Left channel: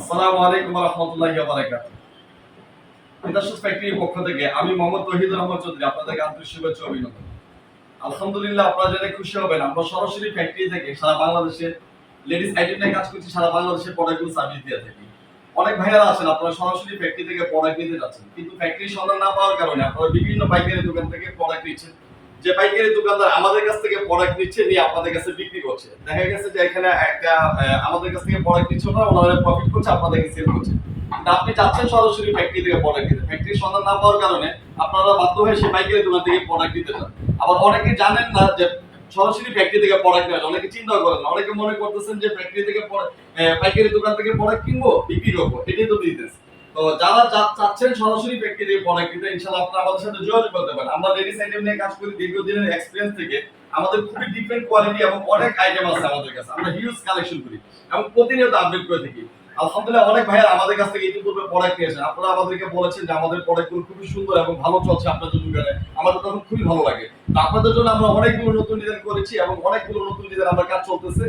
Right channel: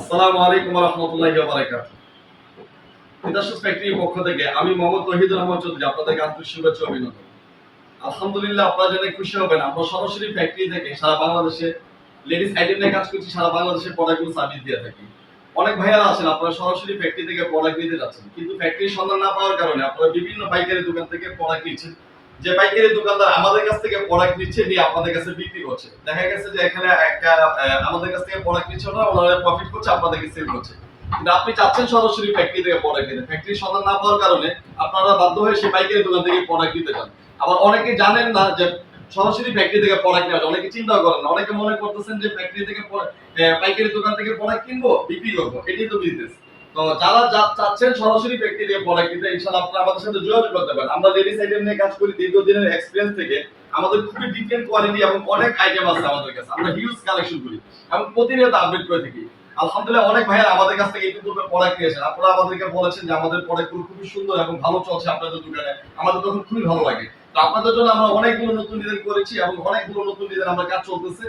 আসসালামু আলাইকুম ওয়া রাহমাতুল্লাহি ওয়া বারাকাতুহু। ইন্ডাস্ট্রিজ ফ্যাক্টরির পক্ষ থেকে আমি মোহাম্মদ তৌহিদুর রহমান চৌধুরী আপনাদেরকে আন্তরিক শুভেচ্ছা ও অভিনন্দন। আলহামদুলিল্লাহ, আপনারা জেনে খুশি হবেন, আমরা সরাসরি ফ্যাক্টরি থেকে সারা বাংলাদেশে লেডিস আইটেম নিয়ে কাজ করছি, সারা বাংলাদেশে প্রোডাক্টগুলো সার্ভিস দিয়ে থাকি। অনেক ভাইয়ারা আছেন আপনারা সরাসরি ফ্যাক্টরি থেকে প্রোডাক্ট নিতে যাচ্ছেন, কিন্তু ফ্যাক্টরির সন্ধান না পাওয়ার কারণে আপনারা বিভিন্ন পাইকারি দোকান থেকে প্রোডাক্ট নিচ্ছেন। যে পাইকারি দোকানদার আমাদের কাছ থেকে প্রোডাক্ট নিচ্ছে, নিয়ে আপনাদের কাছে বিক্রি করছে, দেখা গেছে যে এখানে একটা আমাদের কাছ থেকে প্রোডাক্ট নিচ্ছে না, ওনারা প্রফিট করছে, আপনাদেরকে সেল করছে। কিন্তু আপনি চাচ্ছেন সরাসরি ফ্যাক্টরি থেকে প্রোডাক্ট নিতে, ফ্যাক্টরির সন্ধান না পাওয়ার কারণে আপনারা বাধ্য হয়ে সেই পাইকারি দোকান থেকে প্রোডাক্ট নিতে চান। আবার অনেকে জানেন না যে সরাসরি ফ্যাক্টরি থেকে প্রোডাক্ট নেওয়া যায়, অনেকে চিন্তা করেন না, অনেকে মনে করতেছেন যে ফ্যাক্টরি থেকে পাইকারি দোকান থেকে প্রোডাক্ট কিনবো, বিক্রি করবো, এটাই তো বিজনেস। তো যারা চাচ্ছেন সরাসরি ফ্যাক্টরি থেকে প্রোডাক্ট নিতে, ইনশাআল্লাহ আপনারা আমাদের সাথে যোগাযোগ করতে পারেন। আমরা লেডিস আইটেম নিয়ে কাজ করি দীর্ঘদিনের এক্সপেরিয়েন্স থেকে। আমাদের খুবই ডিফারেন্ট কোয়ালিটি এবং অনেক আইটেম আছে আমাদের কাছে, আমরা হিউজ কালেকশন করি এবং প্রতিনিয়ত আপডেট করে থাকি। আলহামদুলিল্লাহ, অনেক ভাইয়া আমাদের কাছ থেকে ইতিপূর্বে প্রোডাক্ট নিয়েছেন, আপনারা আমাদেরকে বলেছেন যে আমাদের প্রোডাক্টগুলো খুবই সুন্দর এবং ভালো চলছে আপনাদের দোকানে, আমাদের তখন খুবই ভালো লাগে। তো আপনাদের জন্য আমরা অনেকগুলো নতুন ডিজাইন করেছি এবং অনেকগুলো নতুন ডিজাইন আমরা কাজ চলতেছে,